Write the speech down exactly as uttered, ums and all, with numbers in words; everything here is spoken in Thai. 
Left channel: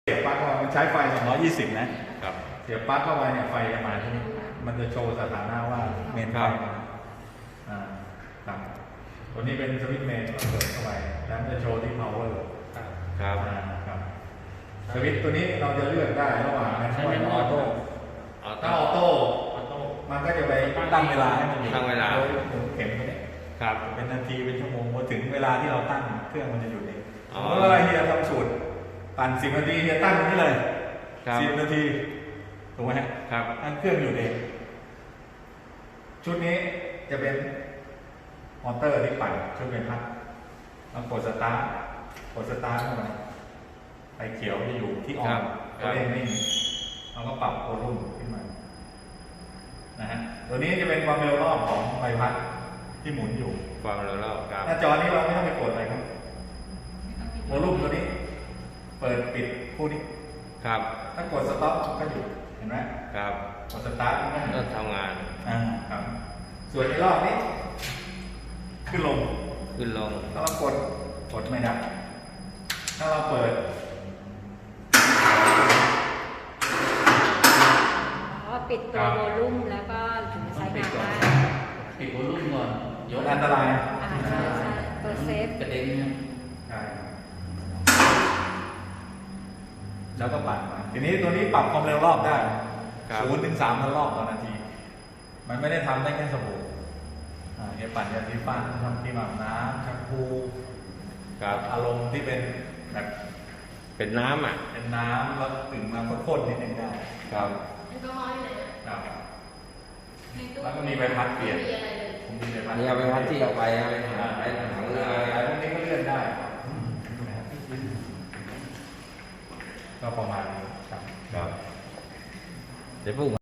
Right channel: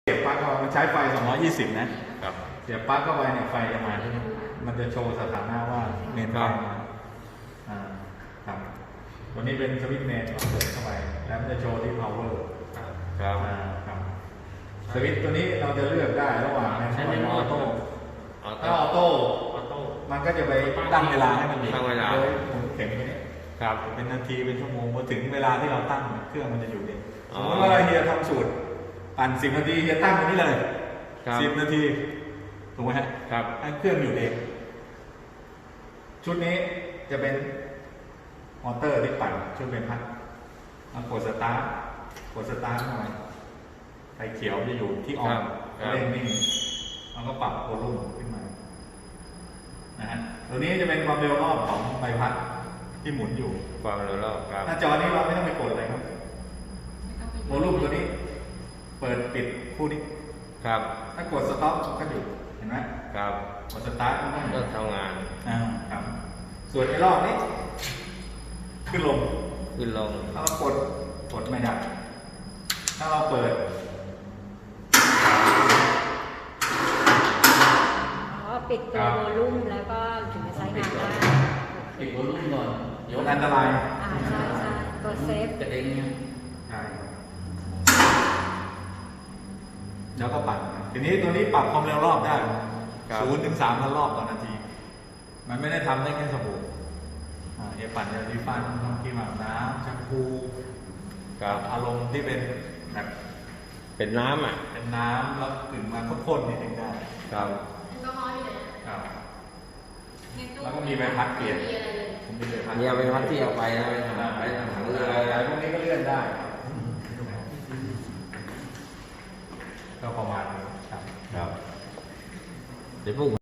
เสียบปลั๊กเข้าไปมันใช้ไฟสองร้อยยี่สิบนะครับเสียบปลั๊กเข้าไปเนี่ยไฟจะมาที่นี่มันจะโชว์สถานะว่าเมนไฟมาอ่าครับตัวนี้เป็นสวิตช์เมนเปิดเข้าไปแล้วมันจะโชว์ที่ power ครับอ่าครับสวิตช์ตัวนี้เราจะเลือกได้ระหว่างนั้นใช้เป็นออโต้ถ้าออโต้ออโต้มันก็จะไปตั้งเวลาให้มันตั้งเวลาโดยหมุนเข็มตัวนี้ครับเป็นนาทีเป็นชั่วโมงพอถึงเวลาที่เราตั้งเครื่องมันจะหยุดเองอ๋สอมมติว่าเฮียทำสูตรปั่นสิบนาทีเฮียตั้งตรงนี้เลยครับสิบนาทีถูกไหมฮะครับให้เครื่องหยุดเองชุดนี้จะเป็นมอเตอร์ที่ปั่นชุดเป็นพัดแล้วกดสตาร์ทกดสตาร์ทเข้าไปไฟเขียวจะอยู่ที่ออครันบครับเล่นนิ่งมันก็ปรับโวลูมขึ้นมานะฮะตัวนี้จะเป็นความเร็วรอบของใบพัดที่หมุนอยู่ความเร็วรอบครับหน้าจอนี้เราไม่ต้องไปกดอะไรครับโวลูมตัวนี้ เปิดปิดคู่นี้ครับถ้ากดสต็อปก็หยุดเห็นไหมครับกดสตาร์ทมันก็หยุก็ดทำงานอ่าครับ ส่วนในรอบนี้ขึ้นลงขึ้นลงถ้าเรากดกดไม่ดับถ้าเราเปิดอ๋อปิดตัวโวลูมแล้วก็ถึงจะใช้งานได้ปิดวอลลุ่มก่อนยกอันตรายอ่าใช่ใช่ตัวเซฟกระเด็นเนี่ยใช่แล้วก็ปั่นไปทีนี้ตัวนี้ปรับความเร็วรอบได้ครับศูนย์ถึงสามพันรอบต่อนาที มันไม่ได้ทำได้แค่สบู่อ่าเอปั่นยาสีฟันทำที่หมักน้ำแชมพูครับอารมณ์ที่เป็นแบบเป็นน้ำอ่ะเป็นน้ำแล้วถึงมาข้นๆนิดนึงได้ครับครับ แล้วก็มีใบพัดเปลี่ยนผมมีใบพัดนี่เอาไปพัดที่เอาไปนะไปอ่าไปถังเรืออะไรพวกนี้ก็เลื่อนได้ครับก็ประมาณนี้ครับครับเดี๋ยวพวก